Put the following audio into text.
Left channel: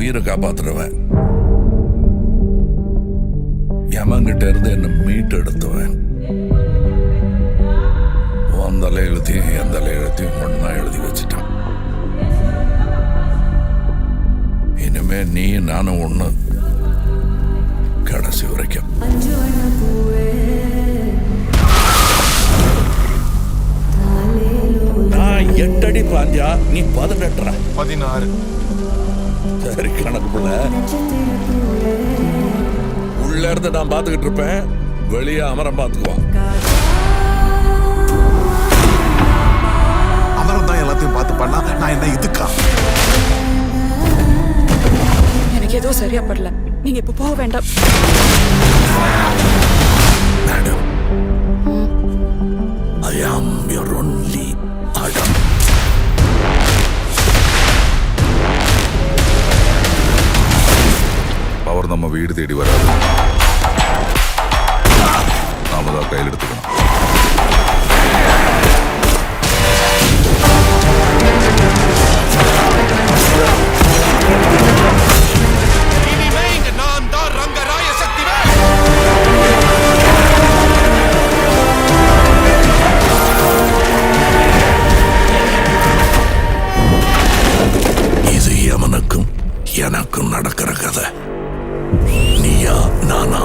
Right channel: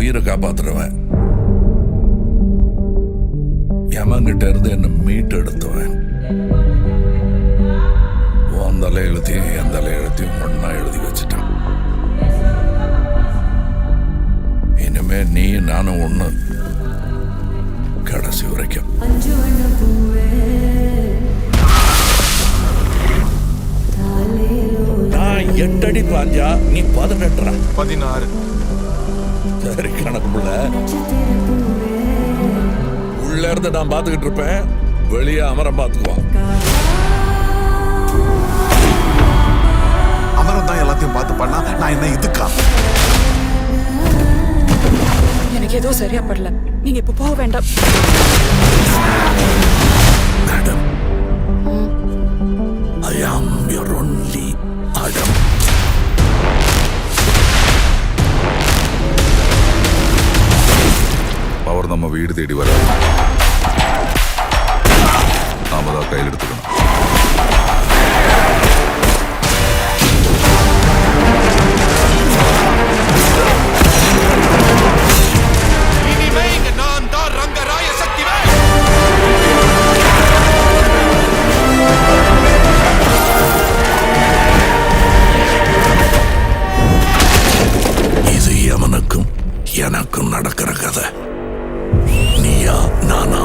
உயிரை காப்பாத்துறவன், யமங்கிட்ட இருந்து என்ன மீட்டு எடுத்துவேன். உன் தலை எழுத்தையும் என் தலை எழுத்தையும் ஒன்னா எழுதி வச்சுட்டான். இனிமே நீ நானும் ஒண்ணு, கடைசி வரைக்கும். நான் 8 அடி பாஞ்சா நீ 18. 16. சரி கணக்கு புள்ள. உள்ள இருந்து நான் பாத்துக்கிட்டு இருப்பேன், வெளியே அமரம் பாத்துக்குவான். அமரம் தான் எல்லாத்தையும் பார்த்து பண்ணா நான் என்ன இதுக்கா? எனக்கு ஏதோ சரியா படல, நீங்க இப்ப போக வேண்டாம். Madam, I am your only Adam. Power நம்ம வீடு தேடி வராது, நாம தான் கையில் எடுத்துக்கணும். இனிமே இங்க நான் தான் ரங்கராய சக்திவேல். இது எவனுக்கும் எனக்கும் நடக்கிற கதை. நீயா நானா?